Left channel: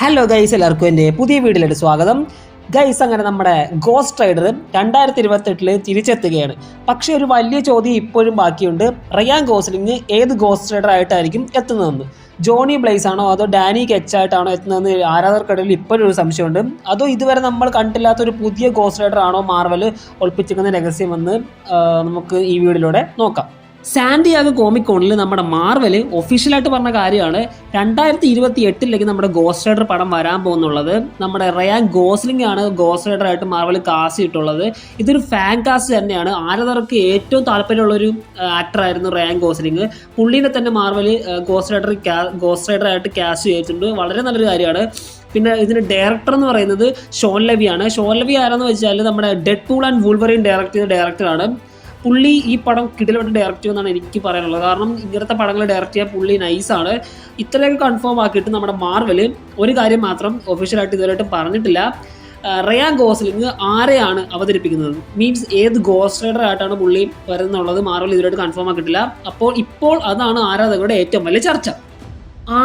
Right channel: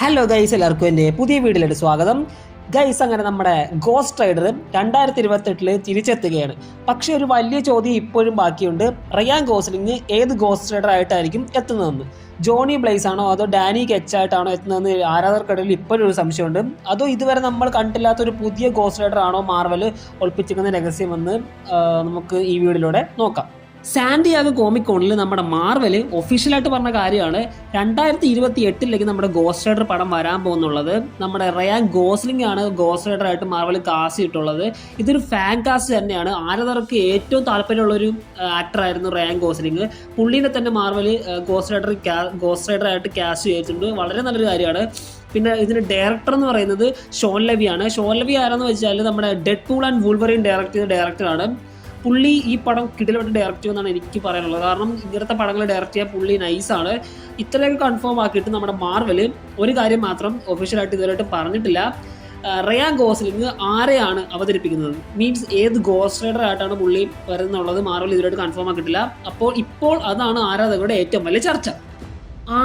Hello guys, എല്ലാവർക്കും എൻ്റെ പുതിയ വീഡിയോയിലേക്ക് സ്വാഗതം. ഗൈസ്, അങ്ങനെ നമ്മുടെ ഗോസ്റ്റ് റൈഡർ 2028 തിരിച്ചെത്തുകയാണ്. പക്ഷേ ഒരു വലിയ ചോദ്യം ഇപ്പോഴും ബാക്കിയുണ്ട്. റയാൻ ഗോസ്ലിംഗ് ഏത് ഗോസ്റ്റ് റൈഡർ ആയിട്ടായിരിക്കും എത്തുന്നതെന്ന്. ജോണി ബ്ലേസ് ആണോ അതോ ഡാനി കെച്ച് ആയിട്ടാണോ എത്തുന്നതെന്ന് ആരാധകർക്കിടയിൽ ഇപ്പോഴും ഒരു സംശയമുണ്ട്. അതോ ഇതുവരെ നമ്മൾ കണ്ടില്ലാത്ത ഒരു പുതിയ ഗോസ്റ്റ് റൈഡർ ആണോ മാർവൽ ഒളിപ്പിച്ചിരിക്കുന്ന രഹസ്യമെന്ന് നമുക്ക് ഈ വീഡിയോയിലൂടെ നോക്കാം. സാന്റിയാഗോ കോമിക് കോണിൽ നമ്മുടെ മാർവല് ഒഫീഷ്യലായിട്ട് പറഞ്ഞ കാര്യമാണ് 2028 നമ്മുടെ ഗോസ്റ്റ് റൈഡർ പടം വരാൻ പോകുന്നുള്ളത്. നമ്മുടെ റയാൻ ഗോസ്ലിംഗ് ആണ് ഗോസ്റ്റ് റൈഡർ ആയിട്ട് മാർവൽ കാസ്റ്റ് ചെയ്തിട്ടുള്ളത്. ഇതൊരു ഫാൻ കാസ്റ്റ് തന്നെയാണ്. ആരാധകർക്ക് ഏറ്റവും താല്പര്യമുള്ളൊരു ആക്ടറായിരുന്നു റയാൻ ഗോസ്ലിംഗ്. പുള്ളീനെ തന്നെ മാർവൽ ഗോസ്റ്റ് റൈഡർ ആയിട്ട് കാസ്റ്റ് ചെയ്തിട്ടുണ്ട്. വളരെ നല്ലൊരു കാര്യമാണ്. പിന്നെ ഇതിന് ഡയറക്ടർ എന്ന് പറയുന്നത് ഷോൺ ലെവിയാണ്. ഷോൺ ലെവി ആരാന്ന് വെച്ചാൽ നമ്മുടെ dead pool and Wolverine direct ചെയ്ത ഡയറക്ടറാണ്. പുള്ളി ഈ പടം കിടിലമായിട്ട് ഡയറക്റ്റ് ചെയ്യുമെന്നാണ് എനിക്ക് പറയാനുള്ളത്. കാരണം ഇങ്ങനത്തെ പടങ്ങൾ ഡയറക്റ്റ് ചെയ്യാൻ പുള്ളി നൈസാണ്. ഇത്രയൊക്കെ കൺഫേം ആക്കിയിട്ട് നമ്മുടെ മാർവൽ ഒരു കാര്യം മാത്രം ഒഫീഷ്യലായിട്ട് ഇതുവരെയായിട്ട് പറഞ്ഞിട്ടില്ല. റയാൻ ഗോസ്ലിംഗ് ആരെയാണ് അവതരിപ്പിക്കുന്നത്, മീൻസ് ഏത് ഗോസ്റ്റ് റൈഡർ ആയിട്ടാണ് പുള്ളി വരുന്നുള്ളത് മാർവൽ ഇതുവരെയായിട്ട് കൺഫേം ആക്കിയിട്ടില്ല. ഇപ്പോൾ അതാണ് ആരാധകരുടെ ഏറ്റവും വലിയ ചർച്ച.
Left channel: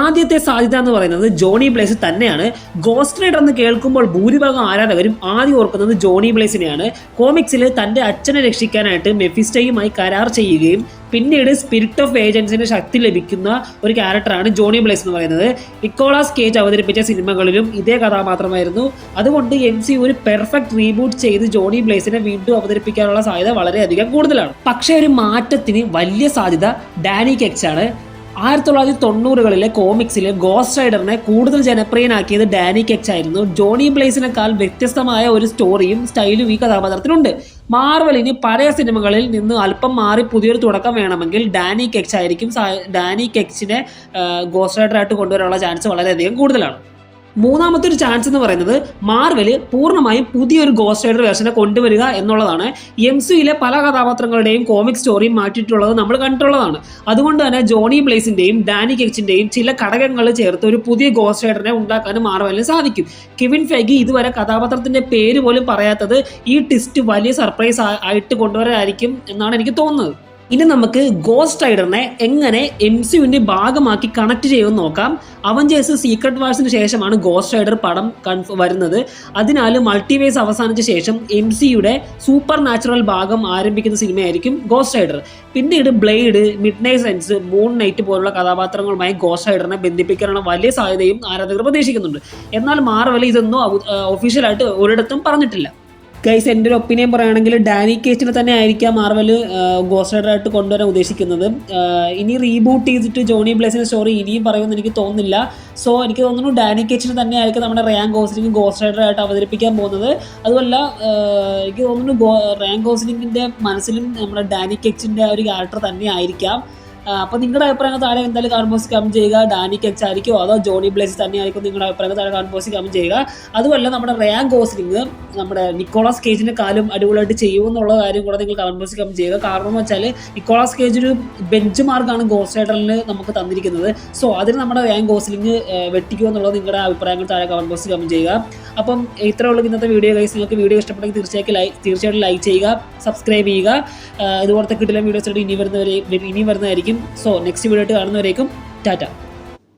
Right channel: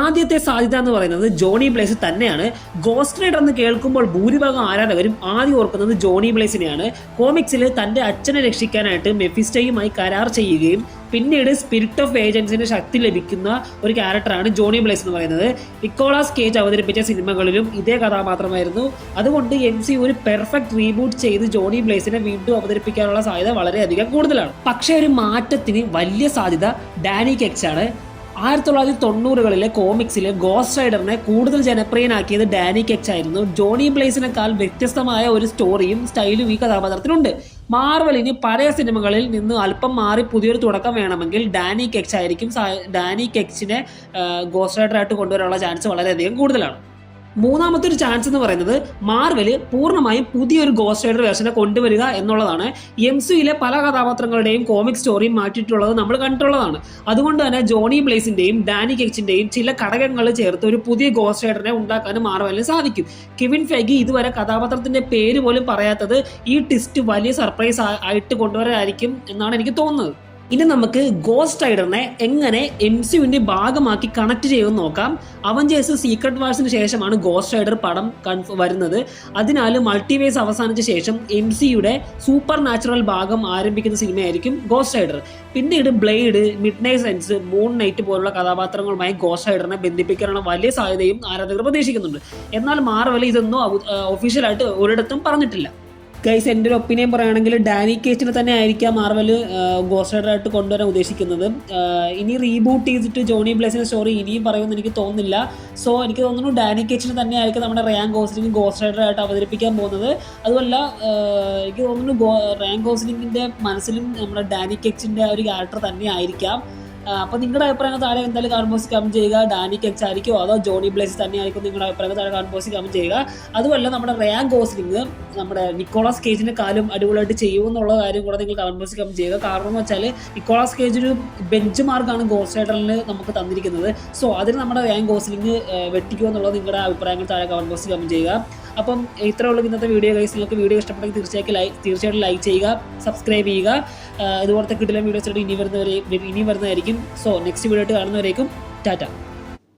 ആദ്യത്തെ സാധ്യത എന്ന് പറയുന്നത് ജോണി ബ്ലേസ് തന്നെയാണ്. ഗോസ്റ്റ് റൈഡർ എന്ന് കേൾക്കുമ്പോൾ ഭൂരിഭാഗം ആരാധകരും ആദ്യം ഓർക്കുന്നത് ജോണി ബ്ലേസിനെയാണ്. കോമിക്സിൽ തന്റെ അച്ഛനെ രക്ഷിക്കാനായിട്ട് മെഫിസ്റ്റോയുമായി കരാർ ചെയ്യുകയും പിന്നീട് സ്പിരിറ്റ് ഓഫ് ഏജൻസിന് ശക്തി ലഭിക്കുന്ന ഒരു ക്യാരക്ടറാണ് ജോണി ബ്ലേസ് എന്ന് പറയുന്നത്. നിക്കോളാസ് കേജ് അവതരിപ്പിച്ച സിനിമകളിലും ഇതേ കഥാപാത്രമായിരുന്നു. അതുകൊണ്ട് MCU ഒരു പെർഫെക്റ്റ് റീബൂട്ട് ചെയ്ത് ജോണി ബ്ലേസിനെ വീണ്ടും അവതരിപ്പിക്കാനുള്ള സാധ്യത വളരെയധികം കൂടുതലാണ്. പക്ഷേ ഒരു മാറ്റത്തിന് വലിയ സാധ്യത ഡാനി കെച്ച് ആണ്. 1990കളിലെ കോമിക്സിൽ ഗോസ്റ്റ് റൈഡറിനെ കൂടുതൽ ജനപ്രിയനാക്കിയത് ഡാനി കെച്ച് ആയിരുന്നു. ജോണി ബ്ലേസിനേക്കാൾ വ്യത്യസ്തമായ ഒരു സ്റ്റോറിയും സ്റ്റൈലും ഈ കഥാപാത്രത്തിനുണ്ട്. മാർവലിന് പഴയ സിനിമകളിൽ നിന്ന് അല്പം മാറി പുതിയൊരു തുടക്കം വേണമെങ്കിൽ ഡാനി കെച്ച് ആയിരിക്കും. ഡാനി കെച്ചിനെ ഗോസ്റ്റ് റൈഡറായിട്ട് കൊണ്ടുവരാനുള്ള ചാൻസ് വളരെയധികം കൂടുതലാണ്. മൂന്നാമത്തെ ഒരു ചാൻസ് എന്ന് പറയുന്നത് മാർവല് പൂർണ്ണമായും പുതിയൊരു ഗോസ്റ്റ് റൈഡർ വേർഷനെ കൊണ്ടുവരിക എന്നുള്ളതാണ്. MCUയിലെ പല കഥാപാത്രങ്ങളുടെയും കോമിക് സ്റ്റോറിയും മാറ്റിയിട്ടുള്ളത് നമ്മൾ കണ്ടിട്ടുള്ളതാണ്. അതുകൊണ്ട് തന്നെ ജോണി ബ്ലേസിന്റെയും ഡാനി കെച്ചിന്റെയും ചില ഘടകങ്ങൾ ചേർത്ത് ഒരു പുതിയ ഗോസ്റ്റ് റൈഡറിനെ ഉണ്ടാക്കാനും മാർവലിന് സാധിക്കും. കെവിൻ ഫെഗി ഇതുവരെ കഥാപാത്രത്തിന്റെ പേര് പോലും പറയാത്തത് ഈ ട്വിസ്റ്റ് വലിയ സർപ്രൈസ് ആയിട്ട് കൊണ്ടുവരാനായിരിക്കും എന്നാണ് എനിക്ക് തോന്നുന്നത്. ഇനി നമുക്ക് ഗോസ്റ്റ് റൈഡറിനെ എങ്ങനെ MCUവിന്റെ ഭാഗമാക്കി കണക്ട് ചെയ്യുമെന്ന് നോക്കാം. അവഞ്ചേഴ്സ് സീക്രട്ട് വാർസിന് ശേഷമാണ് ഗോസ്റ്റ് റൈഡർ പടം വരുന്നത്. അതിനാൽ മൾട്ടിവേഴ്സ് അവസാനിച്ച ശേഷം MCUയുടെ സൂപ്പർ നാച്ചുറൽ ഭാഗം ആരംഭിക്കുന്ന സിനിമയായിരിക്കും ഗോസ്റ്റ് റൈഡർ. പിന്നീട് blade, mid night sons, moon night പോലുള്ള കഥാപാത്രങ്ങളുമായി ഗോസ്റ്റ് റൈഡറിനെ ബന്ധിപ്പിക്കാനുള്ള വലിയ സാധ്യതയും ആരാധകർ പ്രതീക്ഷിക്കുന്നുണ്ട്. എന്നാൽ മാർവൽ ഇതൊന്നും ഒഫീഷ്യലായിട്ട് ഒരിടത്തും പറഞ്ഞിട്ടില്ല. ഗൈസ്, എൻ്റെ ഒരു ഒപ്പീനിയൻ പറയുകയാണെങ്കിൽ ഡാനി കേച്ചിനെ തന്നെ ആയിരിക്കാം മാർവൽ ഗോസ്റ്റ് റൈഡർ ആയിട്ട് കൊണ്ടുവരാൻ ഉദ്ദേശിക്കുന്നത്. ഇനി റീബൂട്ട് ചെയ്തിട്ട് ജോണി ബ്ലേസിന്റെ സ്റ്റോറി ഇനിയും പറയുമെന്ന് എനിക്ക് തോന്നുന്നില്ല. സോ എനിക്ക് തോന്നുന്നു ഡാനി കേച്ചിനെ തന്നെ ആയിരിക്കും നമ്മുടെ റയാൻ ഗോസ്ലിംഗ് ഗോസ്റ്റ് റൈഡർ ആയിട്ട് അവതരിപ്പിക്കാൻ പോകുന്നത്. അതുമല്ല, എനിക്ക് തോന്നുന്നു റയാൻ ഗോസ്ലിംഗിന്റെ മനസ്സിലും നമ്മുടെ ഡാനി കേച്ചിന്റെ ഒരു ക്യാരക്ടർ തന്നെ ആയിരിക്കാം. അപ്പോൾ നിങ്ങളുടെ അഭിപ്രായങ്ങൾ താഴെ എന്തായാലും കമന്റ് ബോക്സിൽ കമന്റ് ചെയ്യുക. ഡാനി കെച്ച് ആയിരിക്കും അതോ ജോണി ബ്ലേസ് തന്നെയായിരിക്കും നിങ്ങളുടെ അഭിപ്രായങ്ങൾ താഴെ കമന്റ് ബോക്സിൽ കമന്റ് ചെയ്യുക. അതുമല്ല, നമ്മുടെ റയാൻ ഗോസ്ലിംഗ് നമ്മുടെ നിക്കോളാസ് കേജിനെ കാലും അടിപൊളിയായിട്ട് ചെയ്യുമെന്നുള്ള കാര്യം കൂടെ നിങ്ങൾ കമന്റ് ബോക്സിൽ കമന്റ് ചെയ്യുക. കാരണം എന്ന് വെച്ചാൽ നിക്കോളാസ് കേജ് ഒരു ബെഞ്ച് മാർക്കാണ് ഗോസ്റ്റ് റൈഡറിൽ നമുക്ക് തന്നിരിക്കുന്നത്. സോ അതിന് നമ്മുടെ റയാൻ ഗോസ്ലിംഗ് വെട്ടിക്കുക എന്നുള്ളത് നിങ്ങളുടെ അഭിപ്രായങ്ങൾ താഴെ കമന്റ് ബോക്സിൽ കമന്റ് ചെയ്യുക. അപ്പം ഇത്രയുള്ള ഇന്നത്തെ വീഡിയോ ഗൈസ്. നിങ്ങൾക്ക് വീഡിയോ ഇഷ്ടപ്പെട്ടെങ്കിൽ തീർച്ചയായിട്ടും ലൈക്ക് ചെയ്യുക, സബ്സ്ക്രൈബ് ചെയ്യുക. ഇതുപോലത്തെ കിട്ടില്ല വീഡിയോസ് ഇനി വരുന്നതായിരിക്കും. സോ നെക്സ്റ്റ് വീഡിയോ ആയിട്ട് കാണുന്നവരേക്കും ടാറ്റ.